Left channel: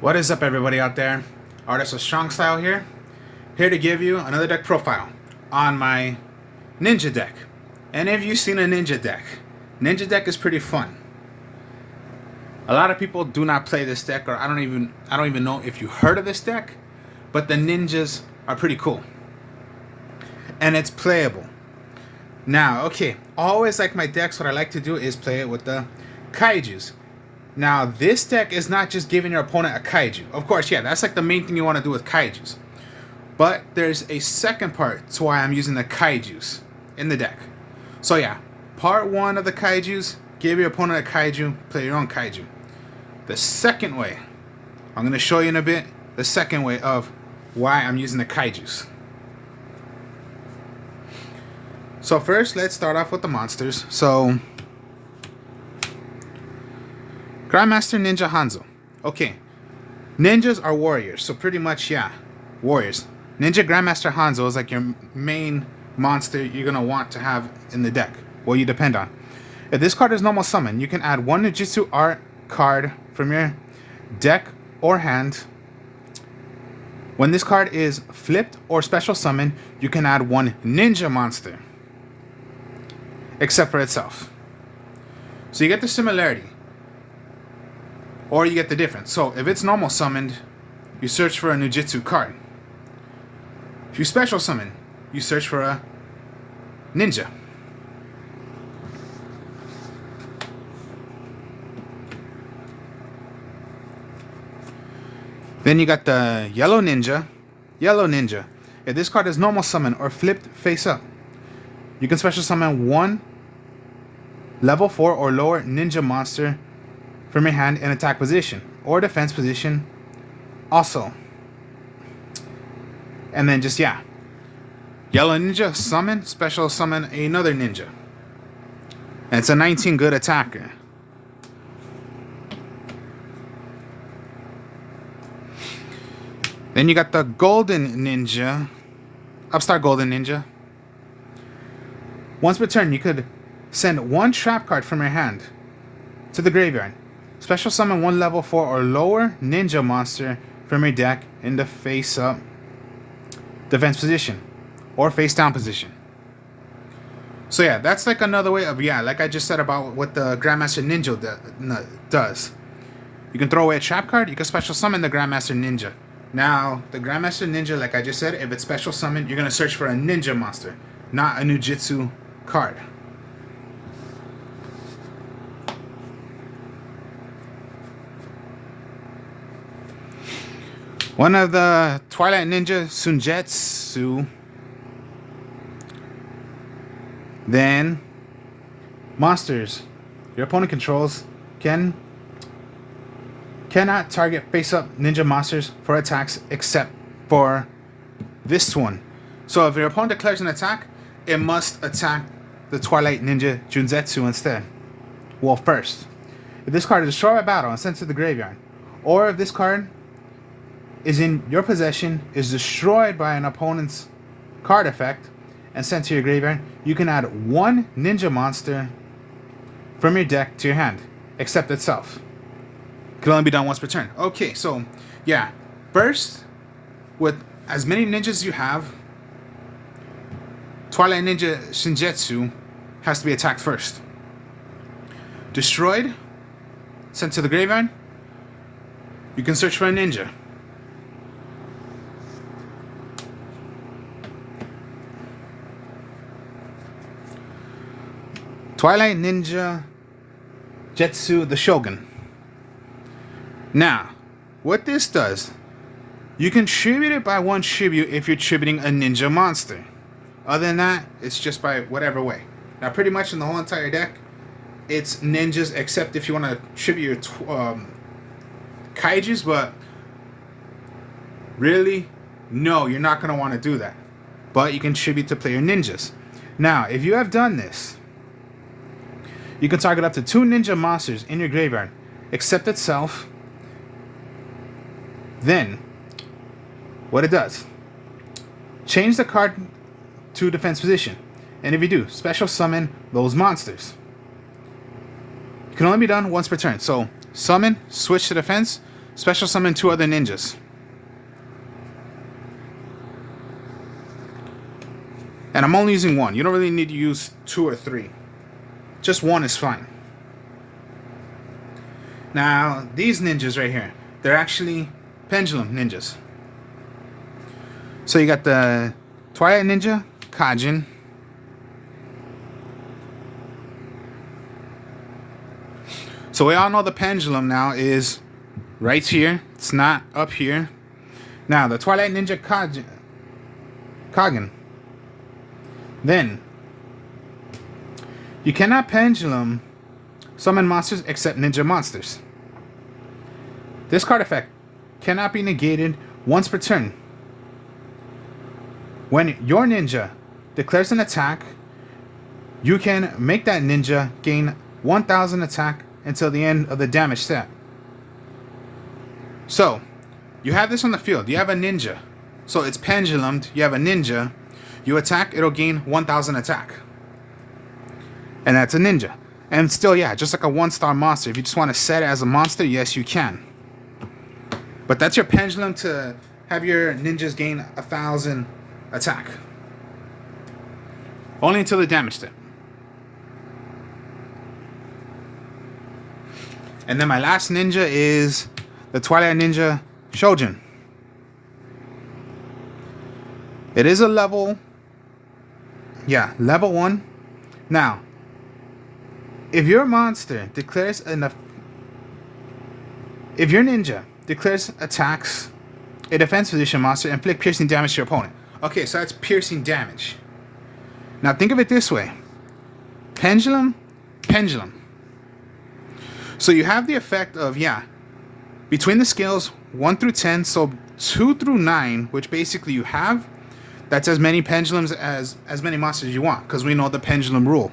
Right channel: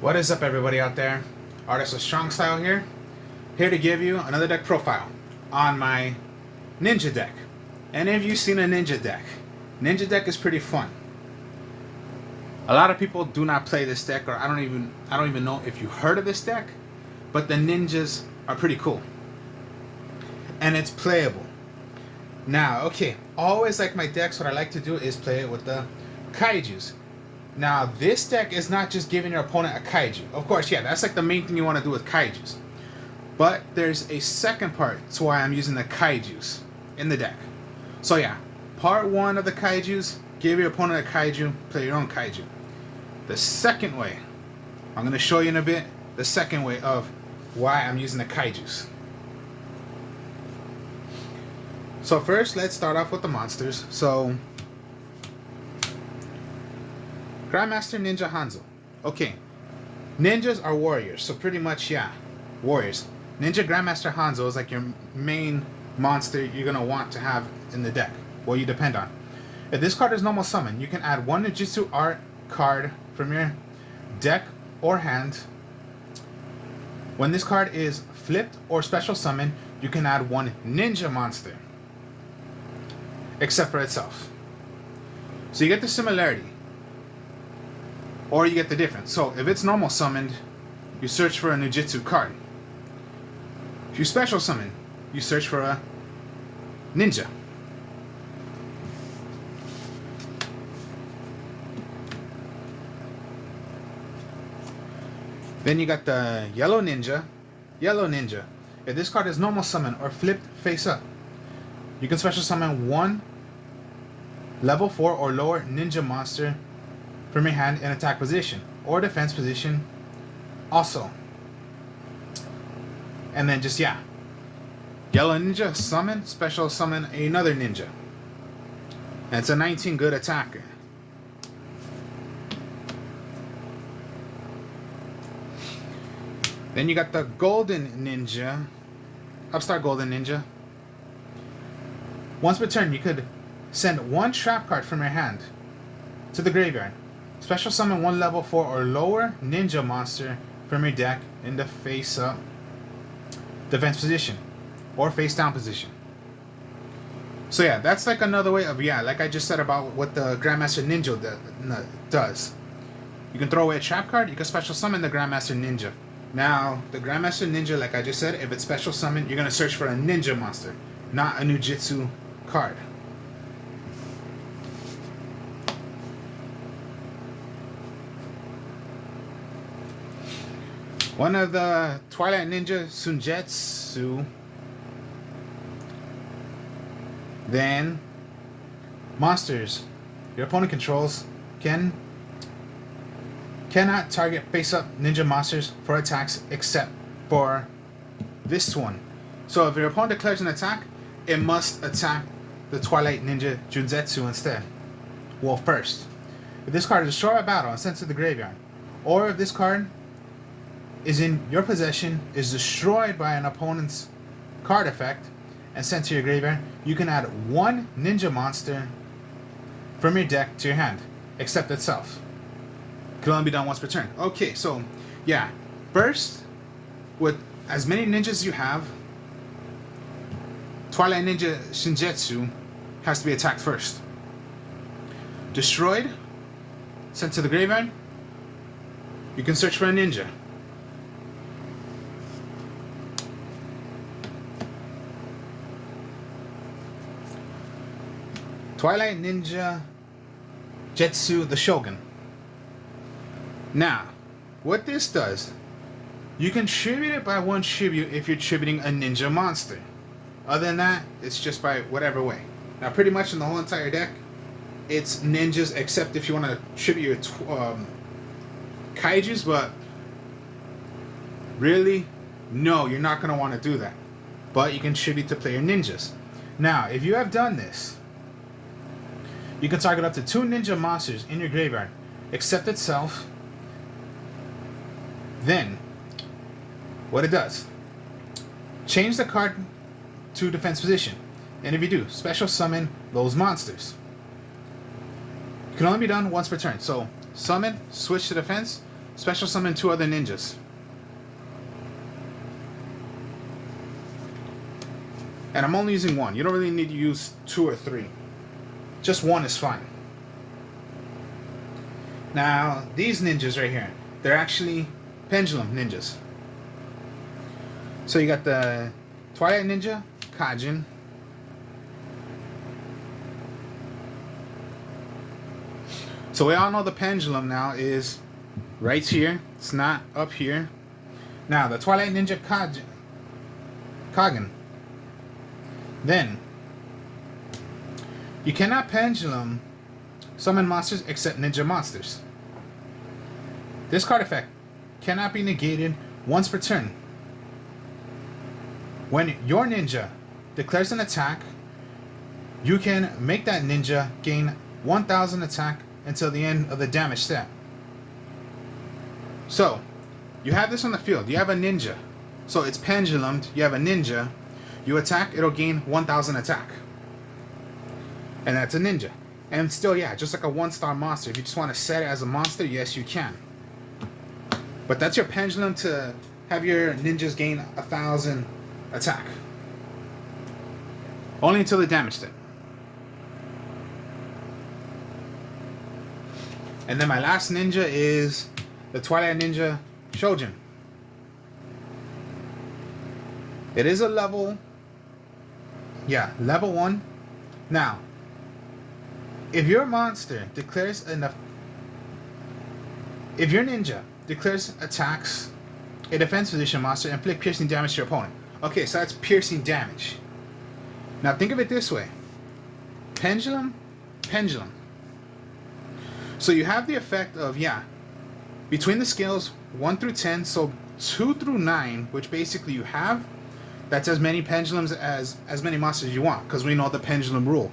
What is up, everybody out there? Artist of Strong Style here to give you another deck profile on my Ninja deck. And if you've seen a Ninja deck is pretty fun. A lot of people do not play this deck, or I don't even know if you heard of this deck, but the ninjas are pretty cool. And it's playable. Now, okay, always like my decks, what I like to do is play it with the kaijus. Now, this deck is not just giving your opponent a kaiju. Of course, yeah, that's like the main thing you want to do with kaijus. But there's a second part to why I'm using the kaijus in the deck. So yeah, part one of the kaijus, give your opponent a kaiju, play your own kaiju. The second way, I'm going to show you in a bit, the second way of why I'm using the kaijus. So first, let's start off with the monsters. So, Grandmaster Ninja Hanzo. Okay, ninjas are warriors, so pretty much, yeah, warriors. Ninja Grandmaster Hanzo is like your main monster you're going to want to have in the deck, what you depend on. If this card is normal summon, you can add one Ninjutsu Art card from your deck or hand. When this card is flipped or special summon, you can add one ninja monster, except for itself. So you get the similarity, or you get the difference. So if it's normal summoned, you search for a Ninjutsu card. If you special summon, you search for a ninja. Then you got the yellow ninja. Yellow ninja. If this card is normal summon or flipped face up, you can special summon one level 4 or lower ninja monster from your hand in attack position or defense position also. And then just, yeah, yellow ninja, summon, special summon another ninja. And it's a 19 good attacker. Then you got the golden ninja, upstart golden ninja. Once per turn, you could send one trap card from your hand to the graveyard. Special summon one level 4 or lower ninja monster from your deck in the face up defense position or face down position. So yeah, that's like another way of, yeah, like I just said about what the Grandmaster Ninja does. You can throw away a trap card, you can special summon the Grandmaster Ninja. Now, the Grandmaster Ninja, like I just said, if it's special summon, you're going to search for a ninja monster, not a Jujitsu card. One of the Twilight Ninja Sunjutsu. Then, monsters your opponent controls cannot target face-up ninja monsters for attacks except for this one. So if your opponent declares an attack, it must attack the Twilight Ninja Jujitsu instead. Well, first, if this card is destroyed by battle and sent to the graveyard, or if this card is in your possession, is destroyed by an opponent's card effect, and sent to your graveyard, you can add one ninja monster from your deck to your hand, except itself. It can only be done once per turn. Okay, so yeah, first, with as many ninjas you have, Twilight Ninja Shinjutsu has to be attacked first. Destroyed, sent to the graveyard, you can search for a ninja. Twilight Ninja Jetsu the Shogun. Now, what this does, you can tribute it by one tribute if you're tributing a ninja monster. Other than that, it's just by whatever way. Now, pretty much in the whole entire deck, it's ninjas, except if you want to tribute your kaijus, but really, no, you're not going to want to do that. But you can tribute to player ninjas. Now, if you have done this, you can target up to 2 ninja monsters in your graveyard, except itself. Then, what it does, change the card to defense position. And if you do, special summon those monsters. It can only be done once per turn. So, summon, switch to defense, special summon 2 other ninjas. And I'm only using 1. You don't really need to use 2 or 3. Just 1 is fine. Now, these ninjas right here, they're actually pendulum ninjas. So you got the Twilight Ninja, Kaijin. So we all know the pendulum now is right here. It's not up here. Now, the Twilight Ninja Kagen. Then, you cannot pendulum summon monsters except ninja monsters. This card effect cannot be negated once per turn. When your ninja declares an attack, you can make that ninja gain 1000 attack until the end of the damage step. So, you have this on the field. You have a ninja. So it's pendulumed. You have a ninja. You attack, it'll gain 1000 attack. And that's a ninja. And still, yeah, just like a 1-star monster. If you just want to set it as a monster, yes, you can. But that's your pendulum to have your ninjas gain 1000 attack. Only until the damage step. And then my last ninja is the Twilight Ninja Trojan. It is a level 1. Now, if your monster declares if your ninja declares attacks a defense position monster, inflict piercing damage to your opponent. Okay, so that's piercing damage. Now think of it this way. Pendulum. So you have the effect of, between the scales 1 through 10, so 2 through 9, which basically you have, that's as many pendulums as many monsters you want, because we know the pendulum rule.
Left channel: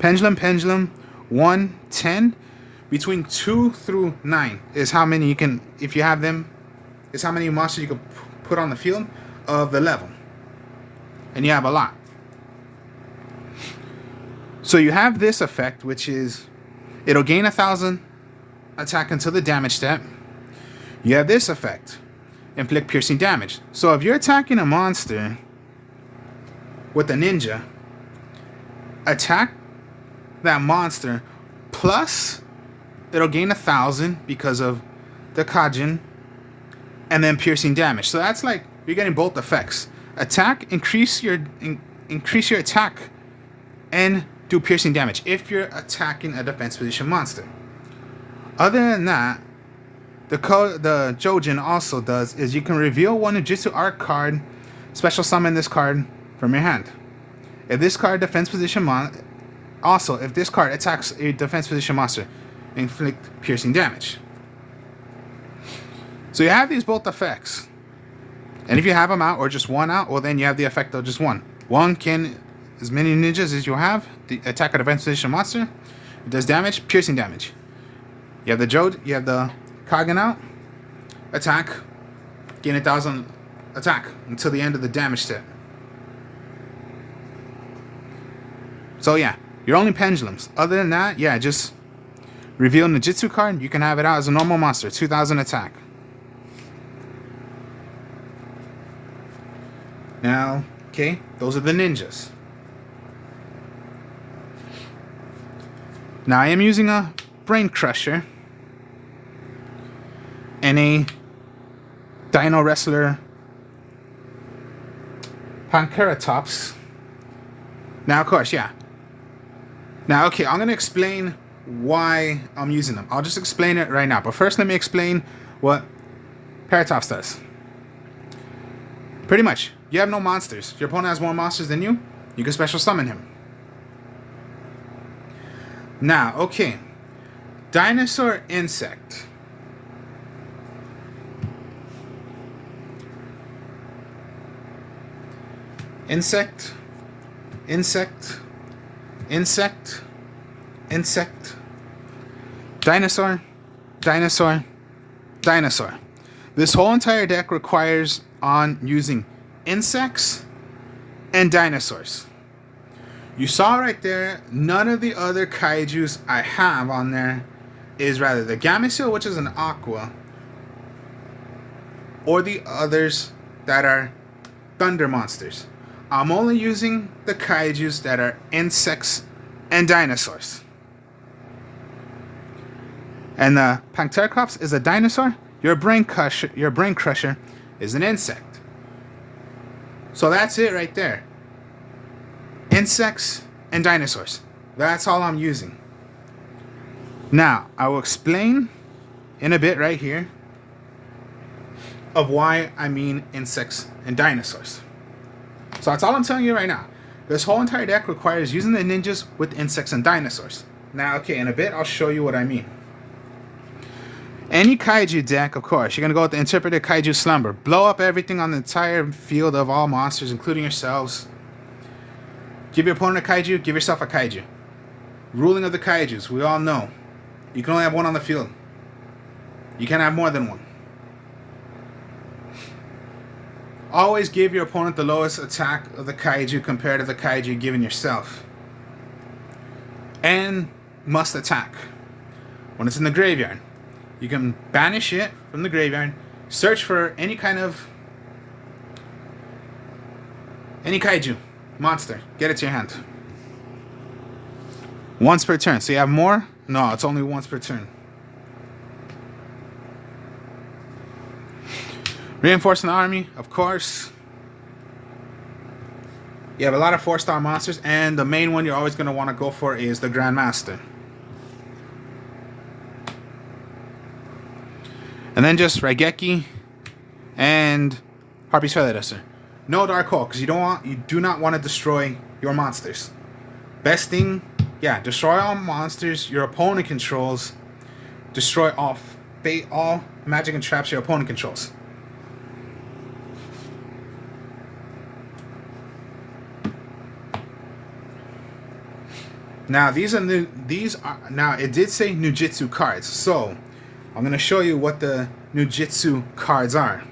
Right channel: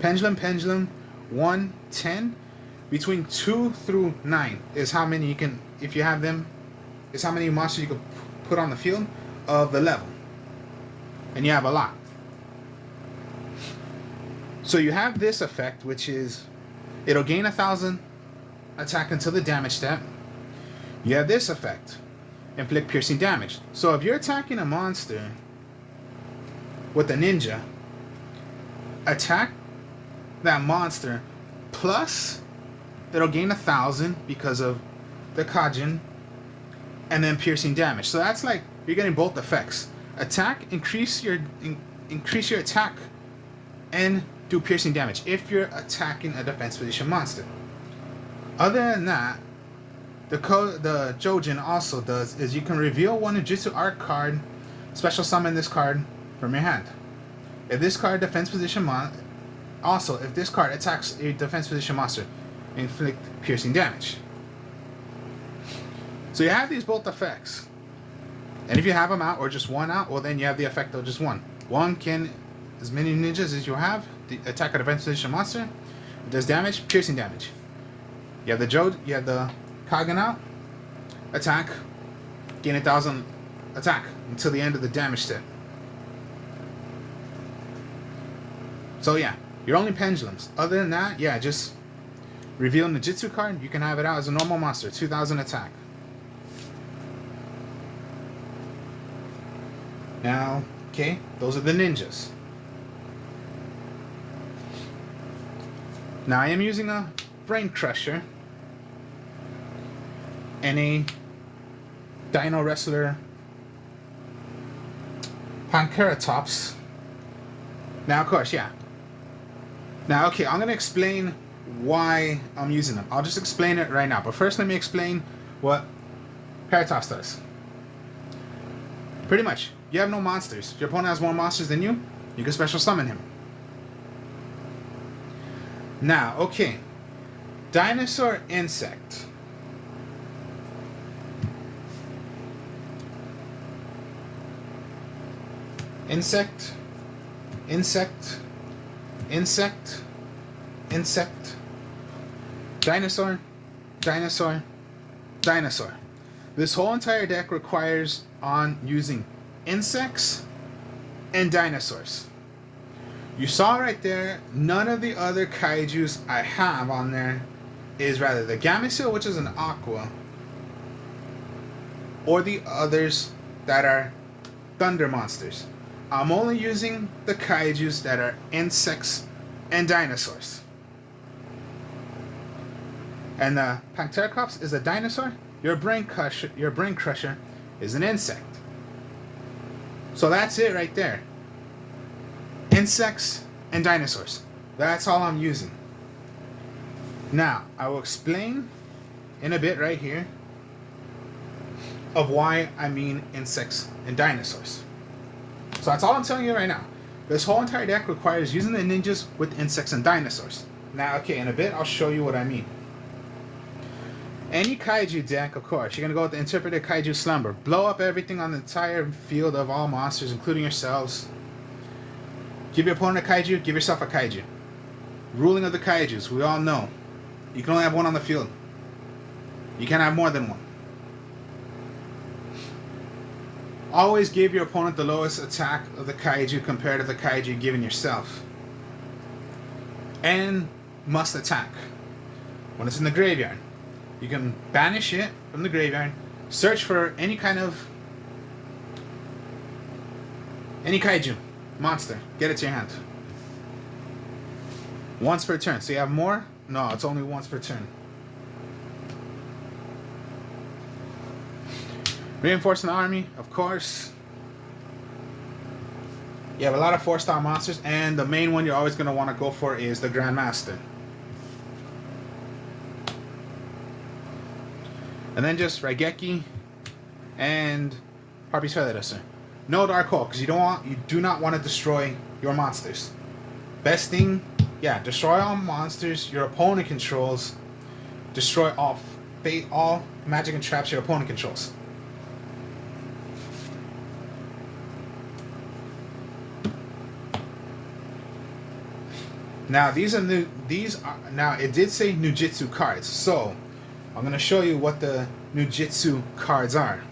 Pendulum, 1, 10. Between 2 through 9 is how many you can, if you have them, is how many monsters you can put on the field of the level. And you have a lot. So you have this effect, which is, it'll gain 1000 attack until the damage step. You have this effect, inflict piercing damage. So if you're attacking a monster with a ninja, attack that monster, plus it'll gain 1000 because of the Kaijin, and then piercing damage. So that's like you're getting both effects. Attack, increase your attack, and do piercing damage if you're attacking a defense position monster. Other than that, the Jojin also does is you can reveal one Ninjutsu Art card, special summon this card from your hand. If this card defense position if this card attacks a defense position monster, inflict piercing damage. So you have these both effects. And if you have them out or just one out, well then you have the effect of just one. One can, as many ninjas as you have, the attack a defense position monster. It does damage, piercing damage. You have the Kagen out, attack, gain 1000 attack until the end of the damage step. So yeah, you're only pendulums. Other than that, just reveal Ninjutsu card. You can have it out as a normal monster, 2000 attack. Now, okay, those are the ninjas. Now I am using a Brain Crusher and a Dino Wrestler Panceratops. Now, of course, Now, okay, I'm going to explain why I'm using them. I'll just explain it right now. But first, let me explain what Paratops does. Pretty much, you have no monsters. Your opponent has more monsters than you. You can special summon him. Now, okay. Dinosaur Insect. Insect. Dinosaur. This whole entire deck requires on using insects and dinosaurs. You saw right there, none of the other kaijus I have on there is rather the Gamma Seal, which is an aqua, or the others that are thunder monsters. I'm only using the kaijus that are insects and dinosaurs. And the Panthercrops is a dinosaur. Your brain crusher is an insect. So that's it right there. Insects and dinosaurs. That's all I'm using. Now, I will explain in a bit right here of why I mean insects and dinosaurs. So that's all I'm telling you right now. This whole entire deck requires using the ninjas with insects and dinosaurs. Now, okay, in a bit, I'll show you what I mean. Any kaiju deck, of course, you're going to go with the Interpreted Kaiju Slumber. Blow up everything on the entire field of all monsters, including yourselves. Give your opponent a kaiju, give yourself a kaiju. Ruling of the kaijus, we all know. You can only have one on the field. You can't have more than one. Always give your opponent the lowest attack of the kaiju compared to the kaiju you're giving yourself. And must attack. When it's in the graveyard, you can banish it from the graveyard, search for any kaiju monster, get it to your hand. Once per turn. So you have more? No, it's only once per turn. Reinforcing the army, of course. You have a lot of 4-star monsters, and the main one you're always going to want to go for is the Grandmaster. And then just Raigeki and Harpy's Feather Duster. No Dark Hole, because you do not want to destroy your monsters. Best thing, yeah, destroy all monsters your opponent controls. Destroy all magic and traps your opponent controls. Now these are now it did say Ninjutsu cards, so I'm going to show you what the Ninjutsu cards are.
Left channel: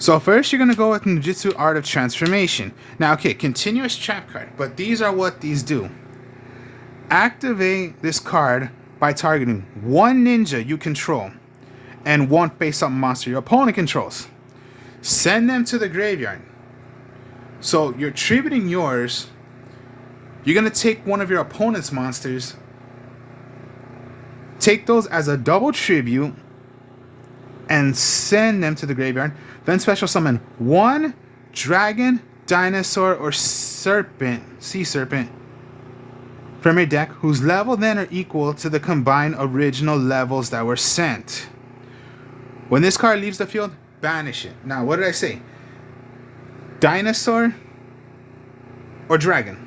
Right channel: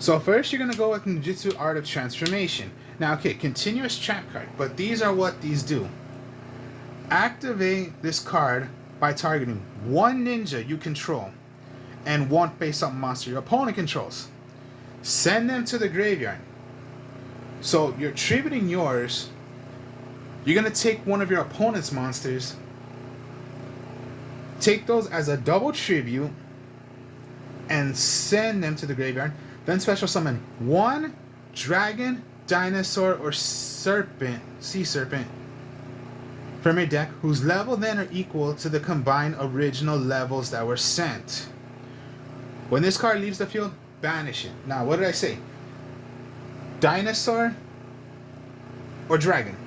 So first you're going to go with Ninjutsu Art of Transformation. Now, okay, continuous trap card, but these are what these do. Activate this card by targeting one ninja you control and one face-up monster your opponent controls. Send them to the graveyard. So you're tributing yours. You're going to take one of your opponent's monsters, take those as a double tribute, and send them to the graveyard. Then special summon one dragon, dinosaur, or sea serpent from your deck whose level then are equal to the combined original levels that were sent. When this card leaves the field, banish it. Now, what did I say? Dinosaur or dragon?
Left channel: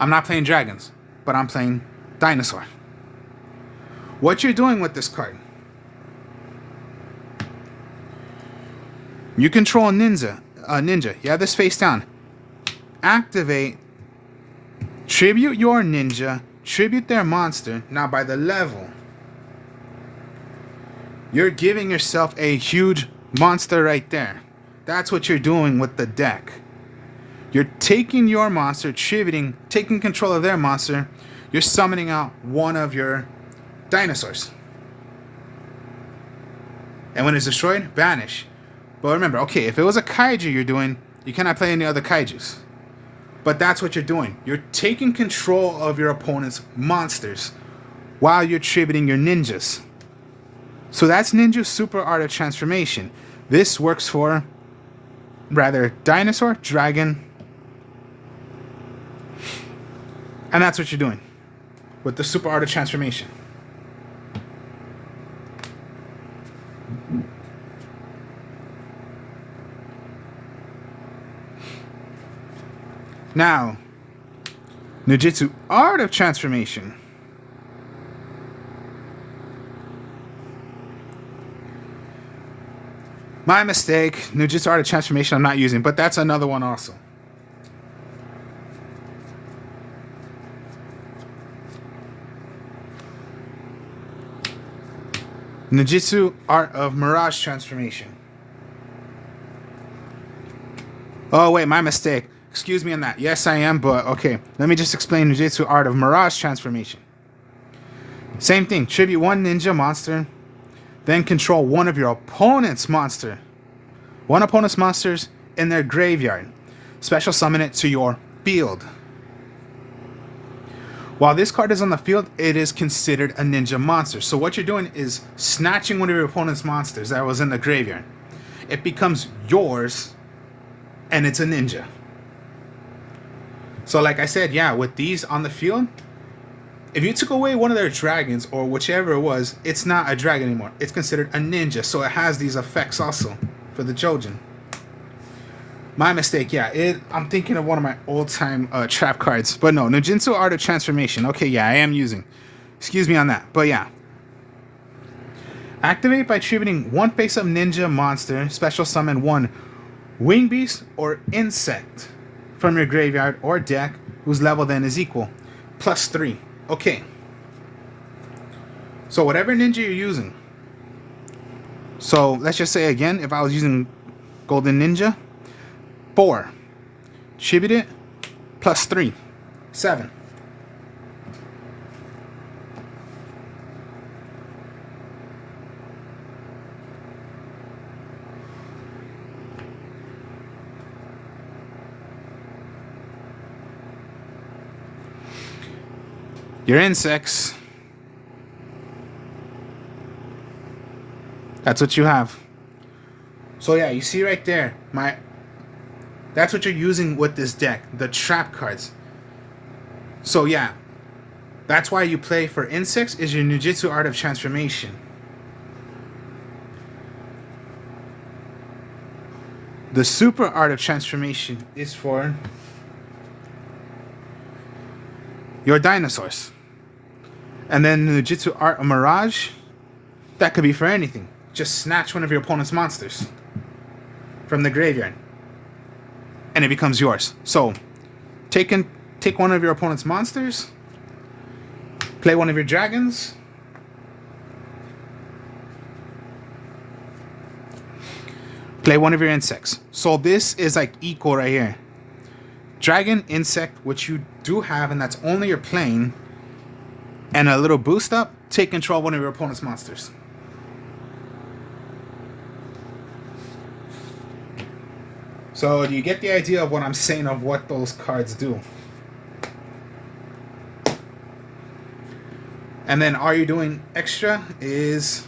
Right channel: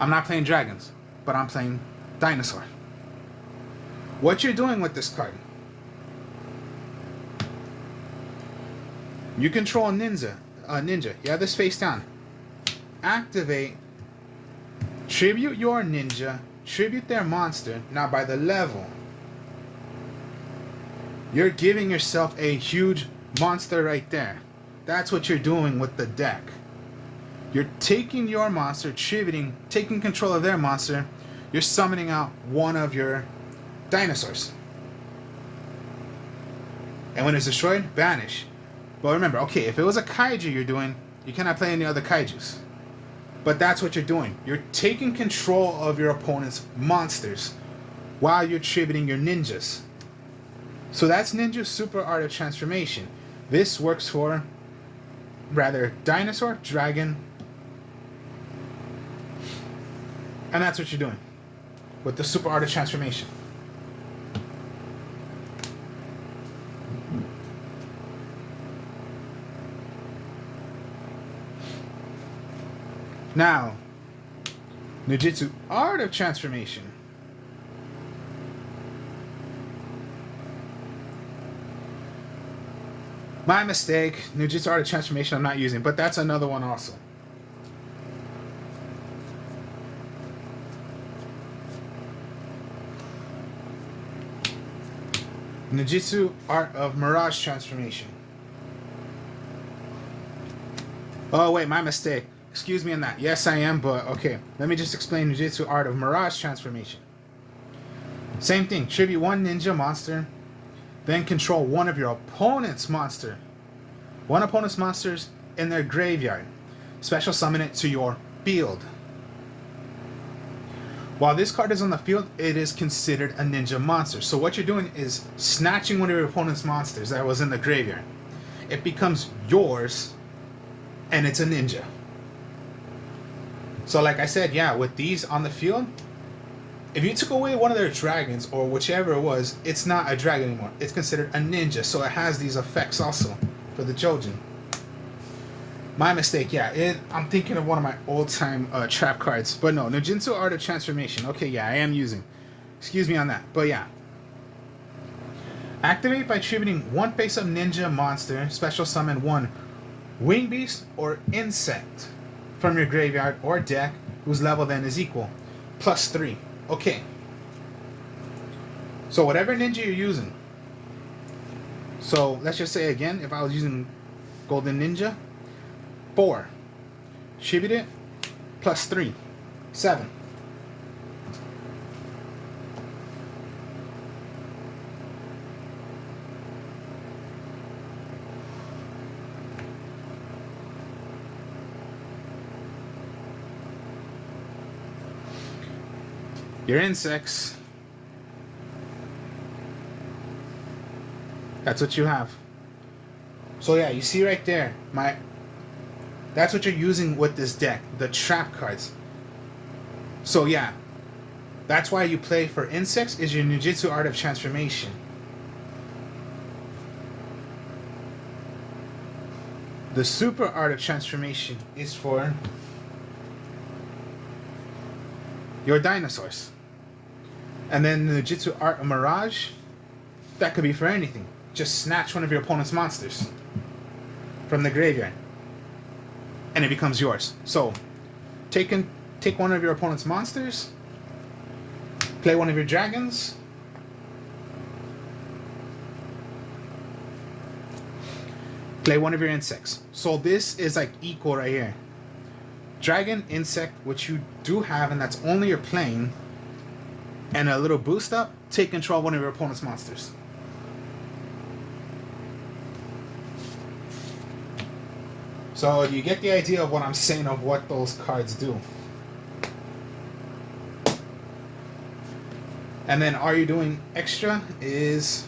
I'm not playing dragons, but I'm playing dinosaur. What you're doing with this card, you control a ninja. You have this face down. Activate, tribute your ninja, tribute their monster. Now by the level, you're giving yourself a huge monster right there. That's what you're doing with the deck. You're taking your monster, tributing, taking control of their monster. You're summoning out one of your dinosaurs. And when it's destroyed, banish. But remember, okay, if it was a kaiju you're doing, you cannot play any other kaijus. But that's what you're doing. You're taking control of your opponent's monsters while you're tributing your ninjas. So that's Ninja Super Art of Transformation. This works for rather dinosaur, dragon, and that's what you're doing with the Super Art of Transformation. Now, Ninjutsu Art of Transformation. My mistake. Ninjutsu Art of Transformation I'm not using, but that's another one also. Ninjutsu Art of Mirage Transformation. Oh wait, my mistake. Excuse me on that. Yes, I am, but okay. Let me just explain Jujitsu Art of Mirage Transformation. Same thing. Tribute one ninja monster, then control one of your opponent's monster. One opponent's monsters in their graveyard. Special summon it to your field. While this card is on the field, it is considered a ninja monster. So what you're doing is snatching one of your opponent's monsters that was in the graveyard. It becomes yours, and it's a ninja. So like I said, yeah, with these on the field, if you took away one of their dragons or whichever it was, it's not a dragon anymore. It's considered a ninja. So it has these effects also for the Trojan. My mistake, yeah. I'm thinking of one of my old-time trap cards. But no, Ninjutsu Art of Transformation. Okay, yeah, I am using. Excuse me on that. But yeah. Activate by tributing one face-up ninja monster. Special summon one wing beast or insect from your graveyard or deck whose level then is equal. +3. Okay. So whatever ninja you're using. So let's just say again, if I was using Golden Ninja, 4. Tribute it, +3. 7. Your insects. That's what you have. So yeah, you see right there, that's what you're using with this deck, the trap cards. So yeah, that's why you play for insects is your Ninjutsu Art of Transformation. The Super Art of Transformation is for your dinosaurs. And then the Ninjutsu Art of Mirage, that could be for anything. Just snatch one of your opponent's monsters from the graveyard, and it becomes yours. So, take one of your opponent's monsters, play one of your dragons, play one of your insects. So this is like equal right here. Dragon, insect, which you do have, and that's only you're playing, and a little boost up, take control of one of your opponent's monsters. So do you get the idea of what I'm saying of what those cards do? And then all you're doing extra is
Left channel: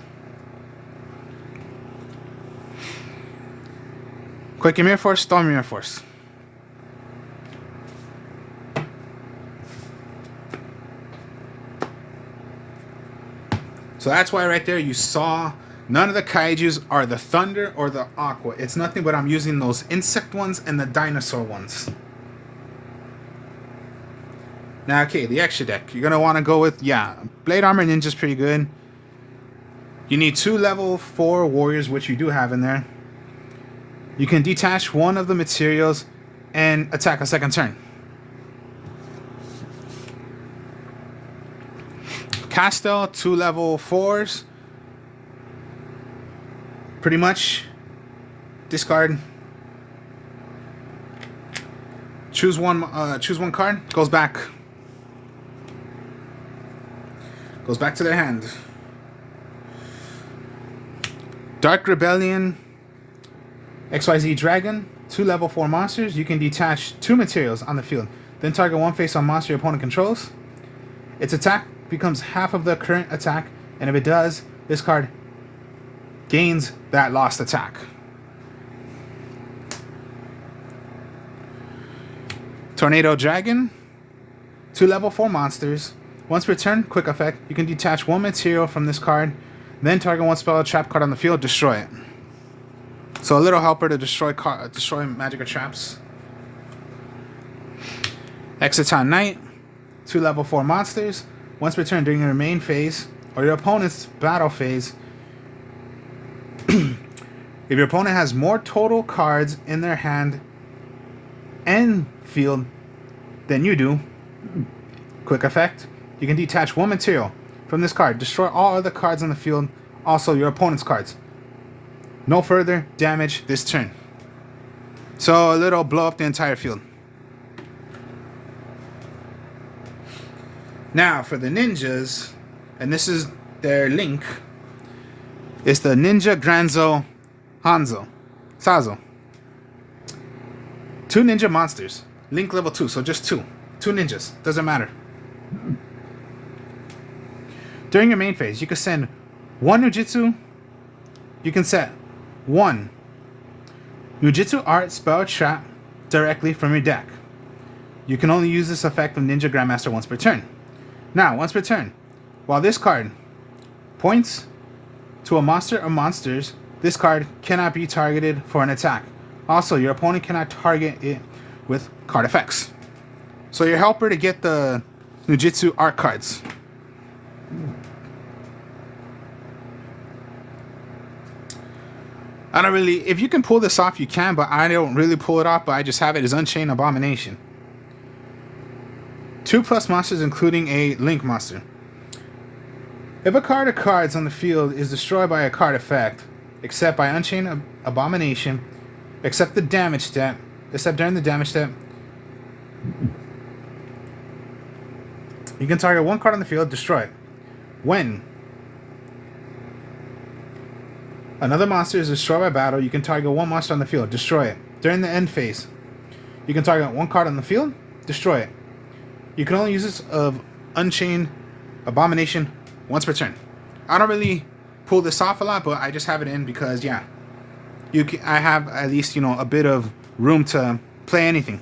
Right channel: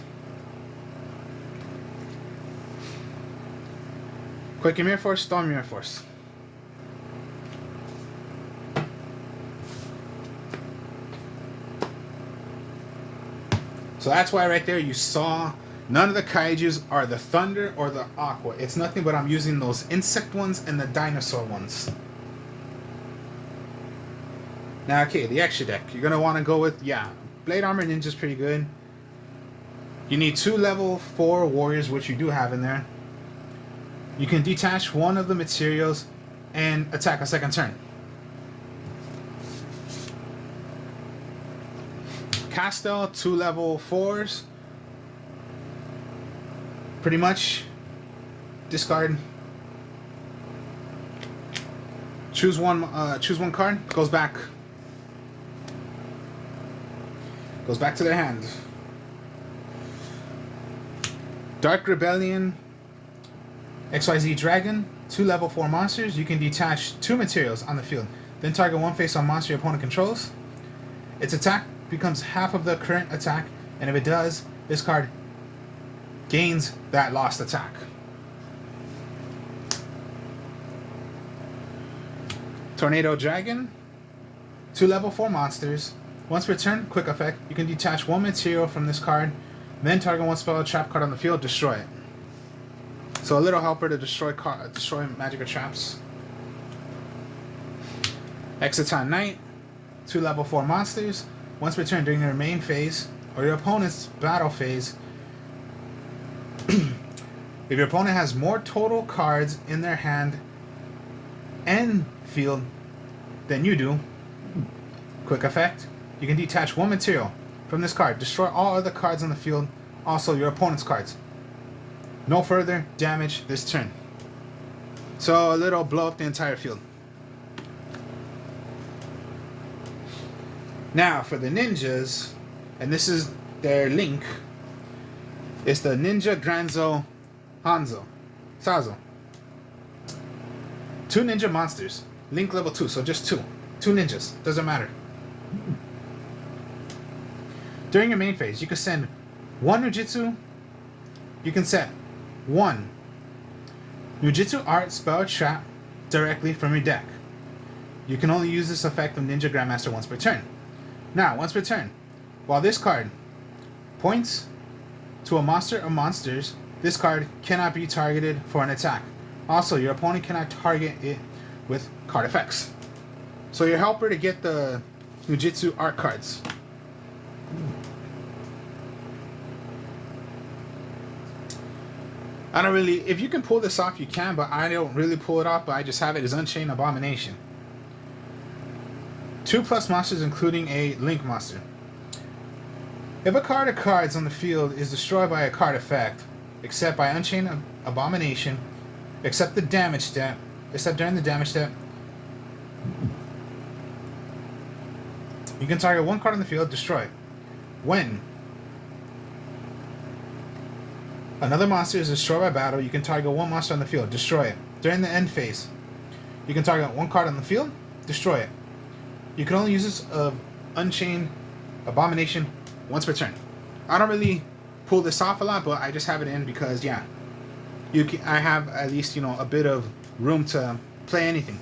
Quick Mirror Force, Storm Mirror Force. So that's why right there you saw none of the kaijus are the thunder or the aqua. It's nothing but I'm using those insect ones and the dinosaur ones. Now, okay, the extra deck. You're going to want to go with, yeah, Blade Armor Ninja's pretty good. You need 2 level 4 warriors, which you do have in there. You can detach one of the materials and attack a second turn. Castel, 2 level 4s. Pretty much discard. Choose one card. Goes back to their hand. Dark Rebellion, XYZ Dragon, 2 level 4 monsters. You can detach 2 materials on the field. Then target one face-on monster your opponent controls. Its attack becomes half of the current attack, and if it does, this card gains that lost attack. Tornado Dragon, 2 level 4 monsters. Once per turn, quick effect, you can detach 1 material from this card, then target 1 spell or trap card on the field, destroy it. So a little helper to destroy magic or traps. Exiton Knight, 2 level 4 monsters. Once per turn during your main phase or your opponent's battle phase, if your opponent has more total cards in their hand and field than you do, quick effect, you can detach 1 material from this card, destroy all other cards on the field, also your opponent's cards. No further damage this turn. So a little blow up the entire field. Now for the ninjas, and this is their link, it's the Ninja Granzo Hanzo. Sazo. 2 ninja monsters. Link level 2, so just 2. 2 ninjas. Doesn't matter. During your main phase, you can send 1 Nujutsu. You can set 1 Nujutsu Art Spell Trap directly from your deck. You can only use this effect of Ninja Grandmaster once per turn. Now, once per turn, while this card points to a monster or monsters, this card cannot be targeted for an attack. Also, your opponent cannot target it with card effects. So your helper to get the Nujutsu art cards. I don't really, if you can pull this off, you can, but I don't really pull it off, but I just have it as Unchained Abomination. 2+ monsters, including a Link monster. If a card or cards on the field is destroyed by a card effect, except by Unchained Abomination, except during the damage step, you can target 1 card on the field, destroy it. When another monster is destroyed by battle, you can target 1 monster on the field, destroy it. During the end phase, you can target 1 card on the field, destroy it. You can only use this of Unchained Abomination once per turn. I don't really pull this off a lot, but I just have it in because, yeah, I have at least, a bit of room to play anything.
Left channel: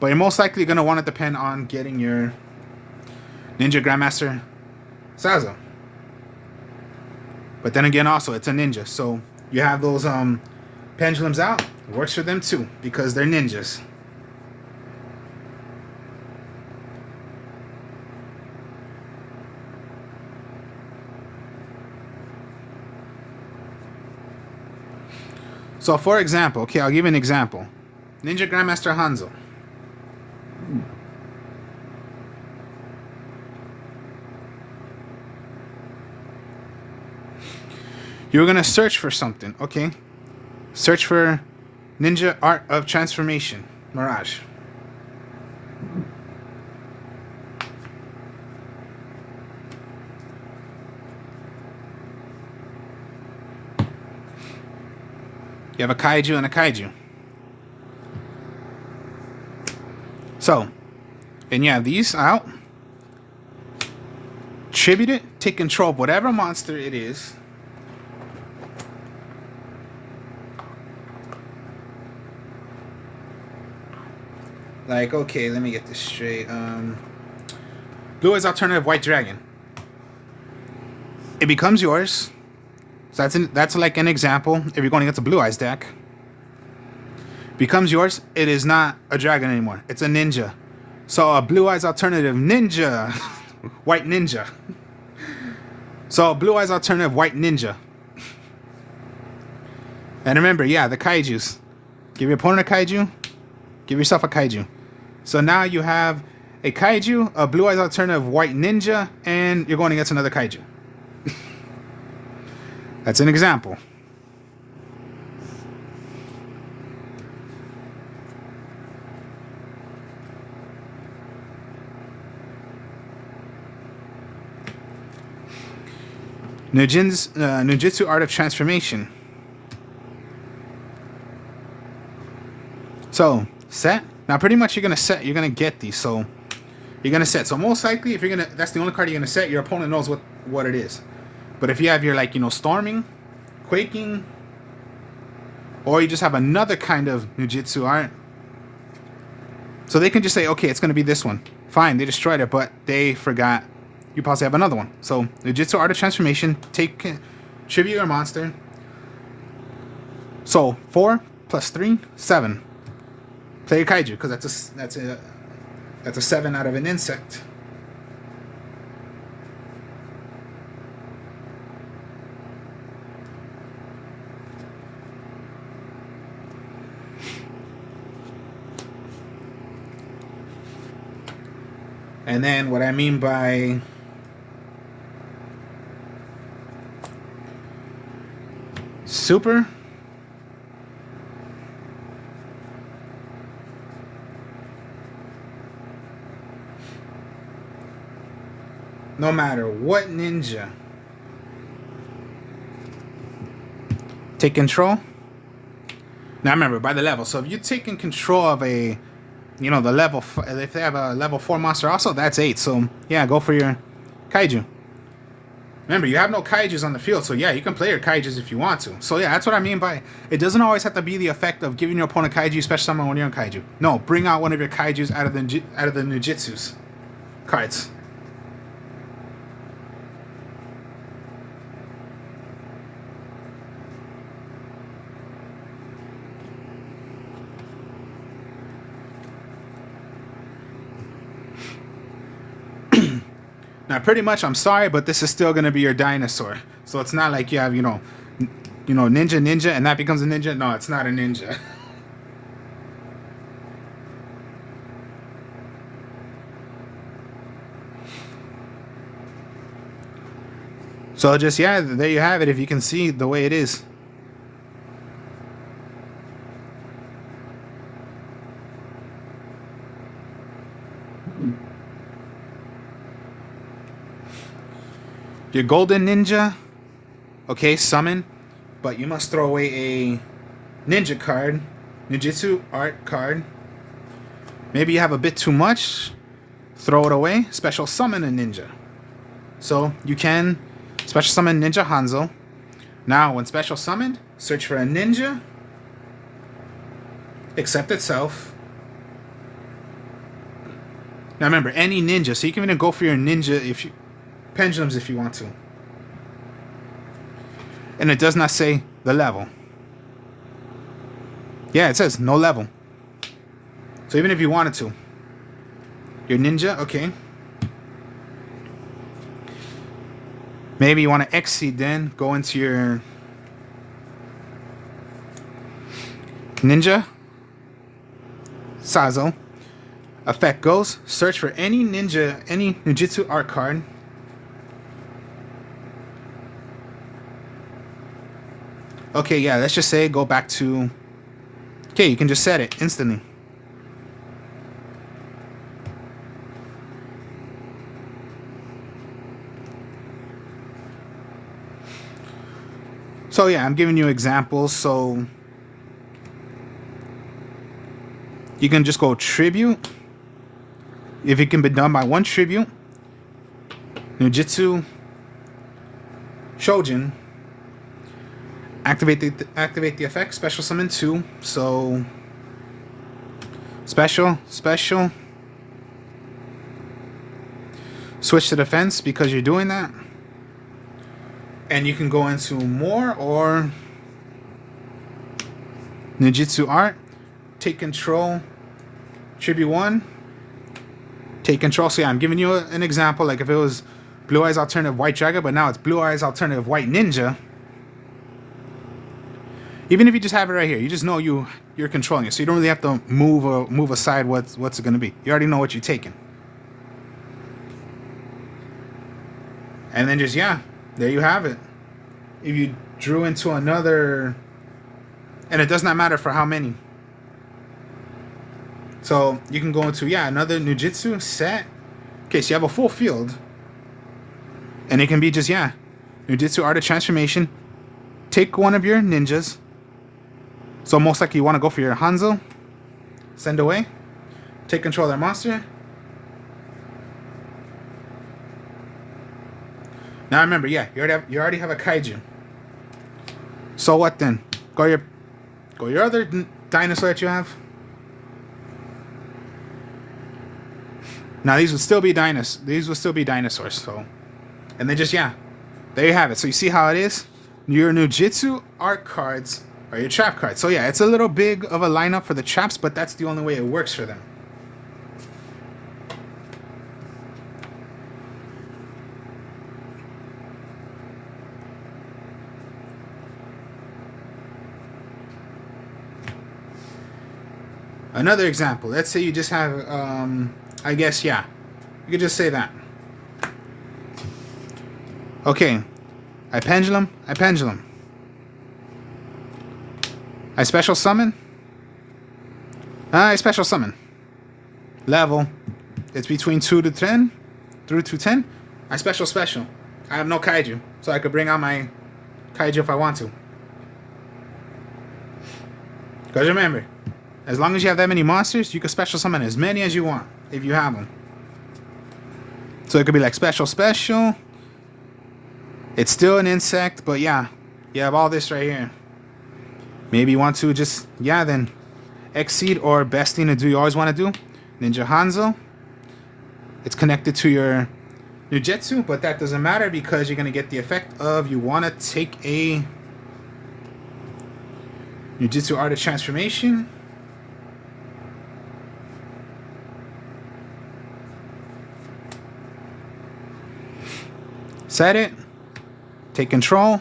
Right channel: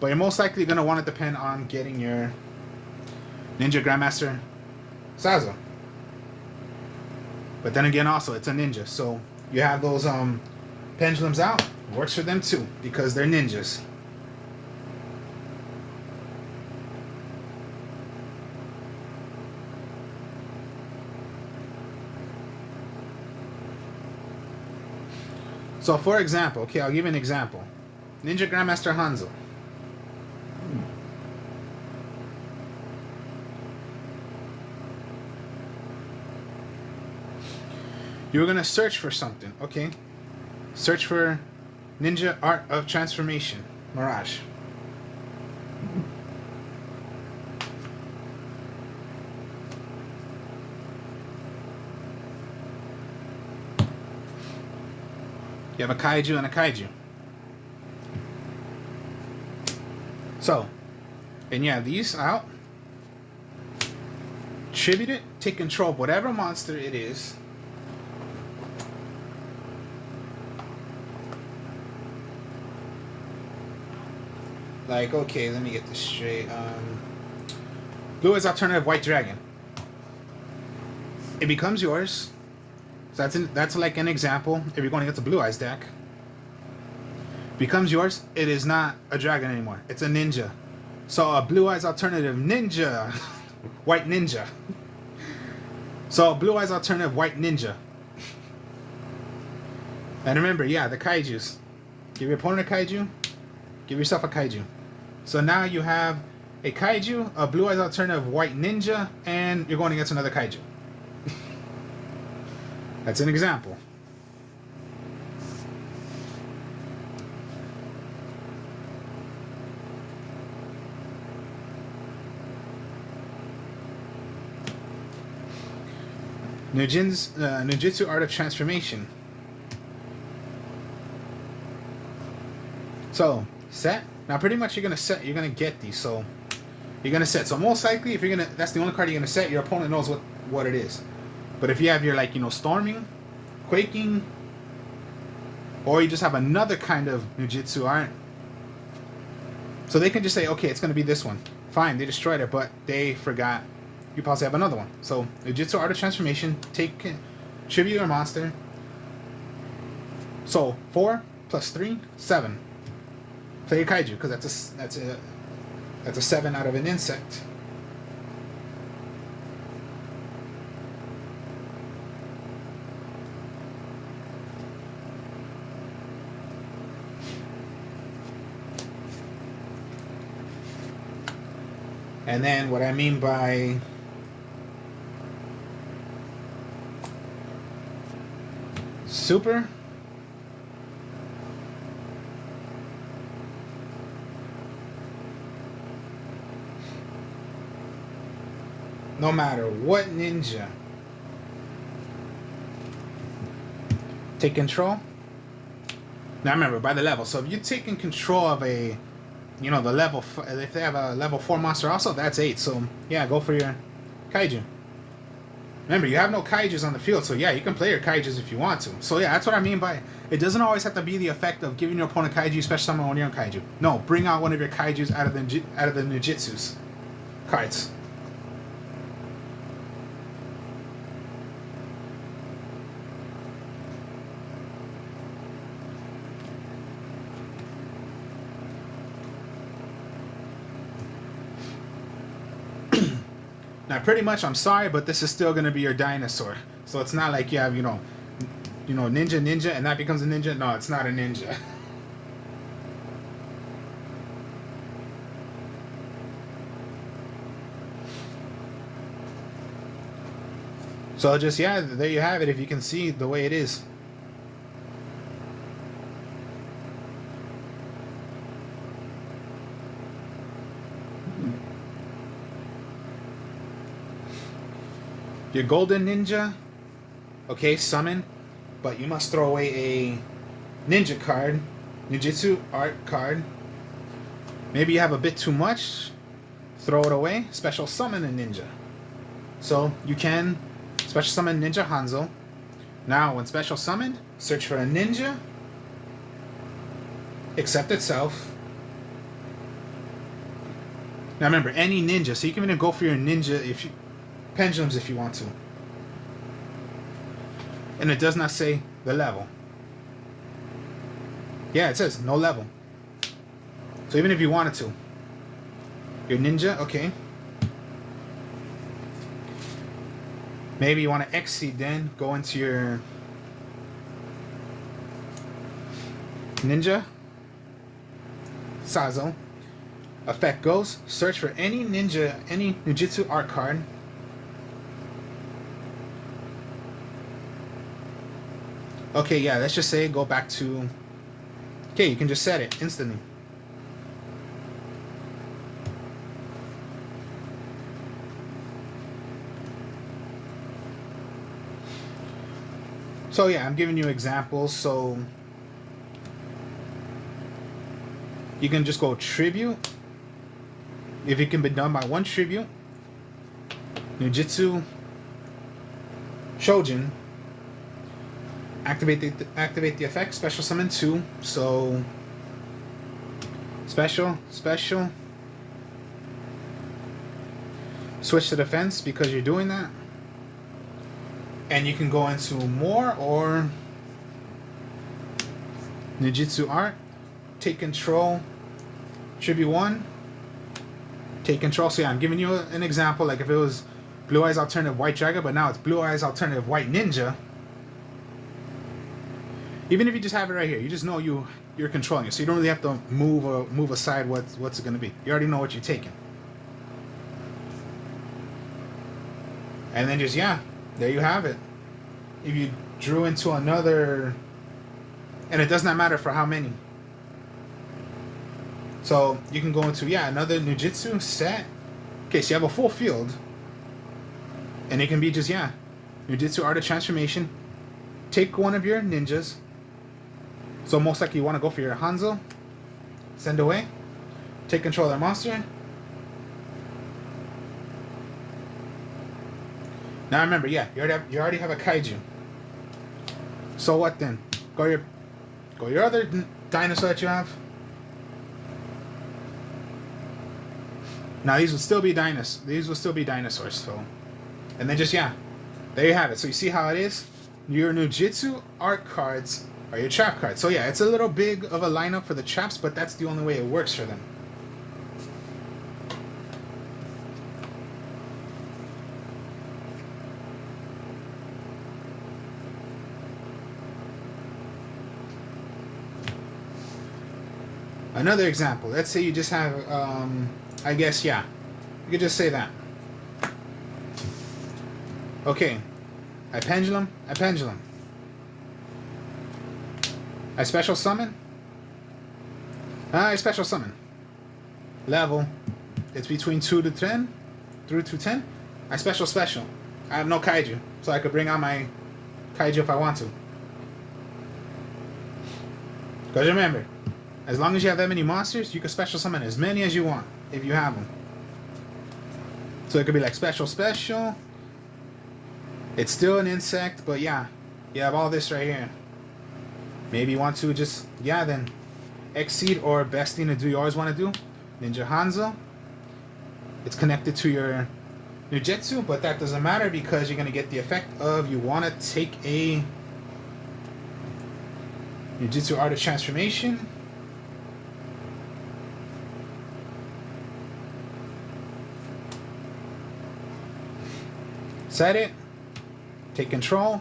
But you're most likely going to want to depend on getting your Ninja Grandmaster Sazo. But then again, also, it's a ninja. So you have those pendulums out. It works for them too, because they're ninjas. So for example, okay, I'll give you an example. Ninja Grandmaster Hanzo. You're going to search for something, okay? Search for Ninja Art of Transformation, Mirage. You have a kaiju and a kaiju. So, and you have these out. Tribute it, take control of whatever monster it is. Like, okay, let me get this straight. Blue is alternative white dragon. It becomes yours. So that's like an example. If you're going against a Blue Eyes deck, becomes yours. It is not a dragon anymore. It's a ninja. So a Blue Eyes alternative ninja, white ninja. So a Blue Eyes alternative white ninja. And remember, yeah, the kaijus. Give your opponent a kaiju. Give yourself a kaiju. So now you have a kaiju, a Blue Eyes alternative white ninja, and you're going against another kaiju. That's an example. Ninjutsu Art of Transformation. So, set. Now pretty much you're gonna get these, so you're gonna set. So most likely that's the only card you're gonna set, your opponent knows what it is. But if you have your storming, quaking, or you just have another kind of Ninjutsu art, so they can just say, okay, it's gonna be this one. Fine, they destroyed it, but they forgot you possibly have another one. So Ninjutsu Art of Transformation, tribute your monster. So 4 + 3, 7. Play a kaiju, because that's a 7 out of an insect. And then what I mean by super, no matter what ninja, take control. Now remember, by the level. So if you're taking control of a, you know, the level, if they have a level 4 monster also, that's 8. So yeah, go for your kaiju. Remember, you have no kaijus on the field, so yeah, you can play your kaijus if you want to. So yeah, that's what I mean by it doesn't always have to be the effect of giving your opponent kaiju, special summon when you're on kaiju. No, bring out one of your kaijus out of the Ninjutsu's cards. Now, pretty much, I'm sorry, but this is still going to be your dinosaur. So it's not like you have, you know, ninja, and that becomes a ninja. No, it's not a ninja. So just, yeah, there you have it. If you can see the way it is. Your golden ninja, okay, summon, but you must throw away a ninja card, Ninjutsu Art card. Maybe you have a bit too much, throw it away, special summon a ninja. So you can special summon Ninja Hanzo. Now, when special summoned, search for a ninja, accept itself. Now remember, any ninja, so you can even go for your ninja if you pendulums if you want to. And it does not say the level. Yeah, it says no level. So even if you wanted to. Your ninja, okay. Maybe you want to exceed then, go into your ninja. Sazo. Effect goes, search for any ninja, any Ninjutsu art card. Okay, yeah, let's just say go back to... Okay, you can just set it instantly. So yeah, I'm giving you examples. So you can just go tribute. If it can be done by one tribute. Ninjutsu Trojan. Activate the effect, special summon 2. So special. Switch to defense because you're doing that. And you can go into more or Ninjutsu Art. Take control. Tribute 1. Take control. So yeah, I'm giving you an example. Like if it was Blue Eyes Alternative White Dragon, but now it's Blue Eyes Alternative White Ninja. Even if you just have it right here, you just know you're controlling it, so you don't really have to move aside what's it going to be. You already know what you're taking. And then just, yeah, there you have it. If you drew into another, and it does not matter for how many. So you can go into, yeah, another Ninjutsu set. Okay, so you have a full field. And it can be just, yeah, Ninjutsu Art of Transformation. Take one of your ninjas. So most likely you want to go for your Hanzo. Send away. Take control of their monster. Now remember, yeah, you already have a kaiju. So what then? Go your other dinosaur that you have. Now these would still be dinosaurs. So, and then just, yeah, there you have it. So you see how it is. Your Ninjutsu art cards are your trap cards. So yeah, it's a little big of a lineup for the traps, but that's the only way it works for them. Another example. Let's say you just have, I guess, yeah, you could just say that. Okay, I pendulum. I special summon. I special summon. Level. It's between 2 to 10. Through to 10. I special. I have no kaiju, so I could bring out my kaiju if I want to. Because remember, as long as you have that many monsters, you can special summon as many as you want if you have them. So it could be like special. It's still an insect, but yeah, you have all this right here. Maybe you want to just, yeah, then exceed or best thing to do you always want to do. Ninja Hanzo. It's connected to your Jujitsu, but that doesn't matter because you're going to get the effect of you want to take a Ninjutsu Art of Transformation. Set it. Take control.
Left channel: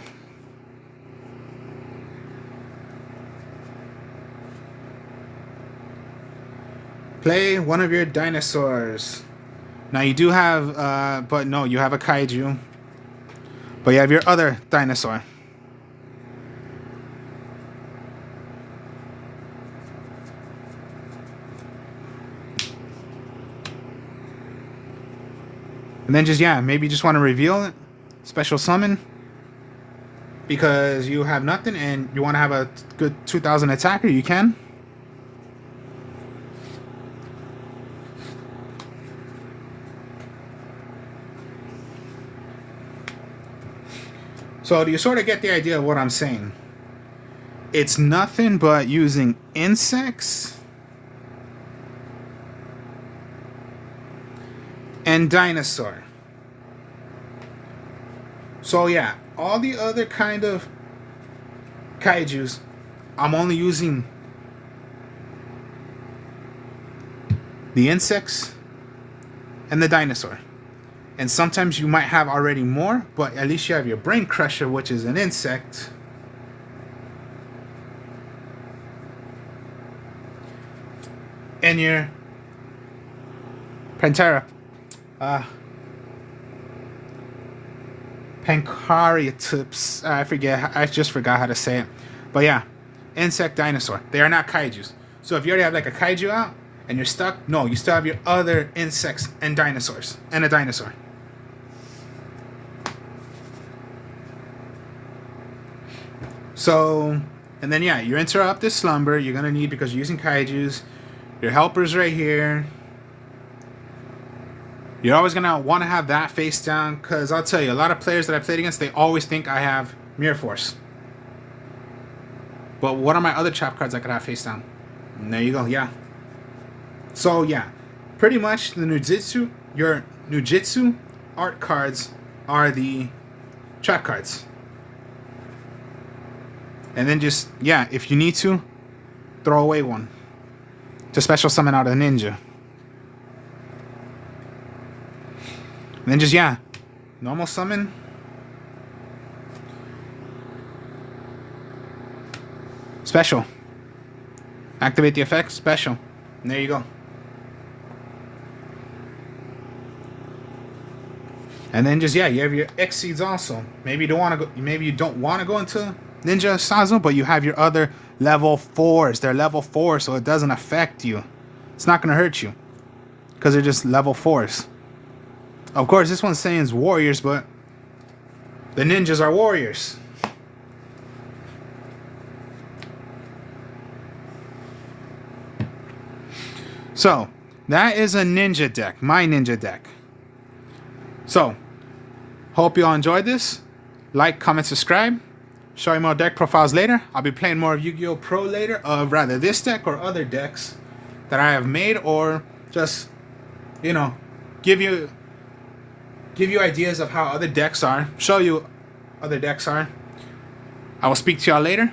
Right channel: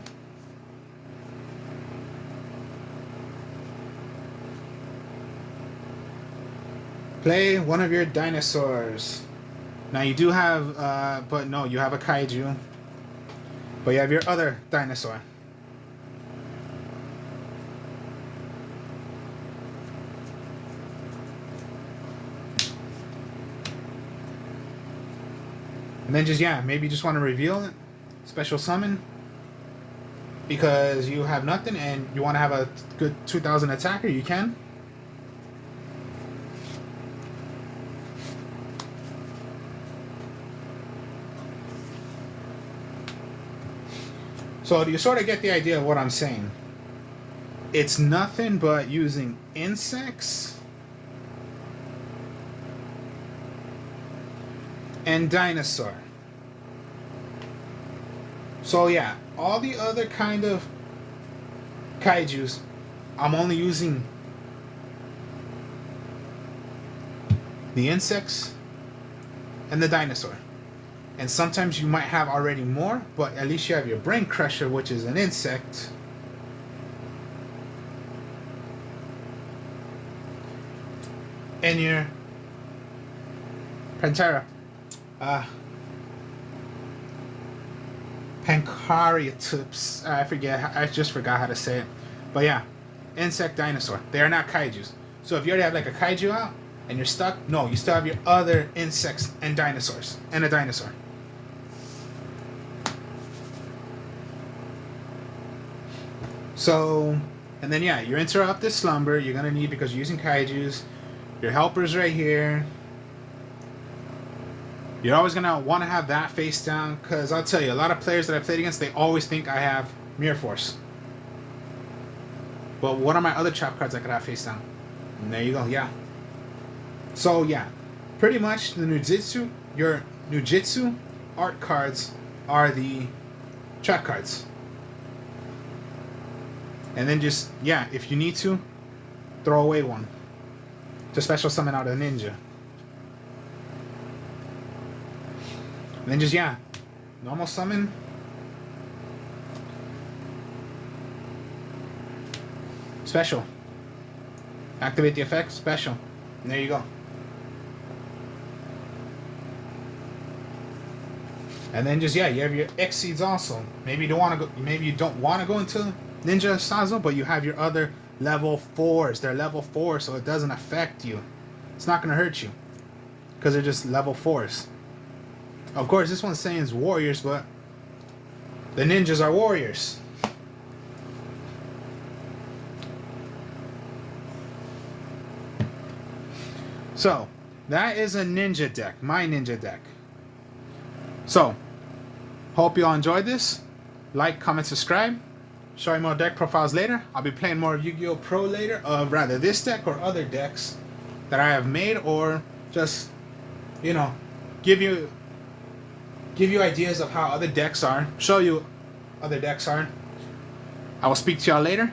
Play one of your dinosaurs. Now you do have, but no, you have a kaiju. But you have your other dinosaur. And then just, yeah, maybe you just want to reveal it. Special summon. Because you have nothing and you want to have a good 2000 attacker, you can. So do you sort of get the idea of what I'm saying? It's nothing but using insects and dinosaur. So yeah, all the other kind of kaijus, I'm only using the insects and the dinosaur. And sometimes you might have already more, but at least you have your brain crusher, which is an insect. And your Pantera. Pancreatips. I just forgot how to say it. But yeah, insect dinosaur. They are not kaijus. So if you already have like a kaiju out and you're stuck, no, you still have your other insects and dinosaurs and a dinosaur. So, and then yeah, your interrupted slumber you're gonna need because you're using kaijus. Your helpers right here. You're always gonna want to have that face down because I'll tell you, a lot of players that I played against, they always think I have Mirror Force. But what are my other trap cards I could have face down? And there you go, yeah. So yeah, pretty much the Ninjutsu, your Ninjutsu art cards are the trap cards. And then just, yeah, if you need to, throw away one. To special summon out a ninja. And then just, yeah, normal summon. Special. Activate the effect, special. And there you go. And then just, yeah, you have your exceeds also. Maybe you don't want to go, maybe you don't want to go into Ninja Sazo, but you have your other level 4s. They're level 4, so it doesn't affect you. It's not going to hurt you. Because they're just level 4s. Of course, this one's saying it's warriors, but the ninjas are warriors. So, that is a ninja deck. My ninja deck. So, hope you all enjoyed this. Like, comment, subscribe. Show you more deck profiles later. I'll be playing more of Yu-Gi-Oh! Pro later, of rather this deck or other decks that I have made, or just, you know, give you ideas of how other decks are. Show you other decks are. I will speak to y'all later.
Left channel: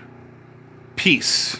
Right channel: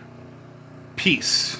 Peace.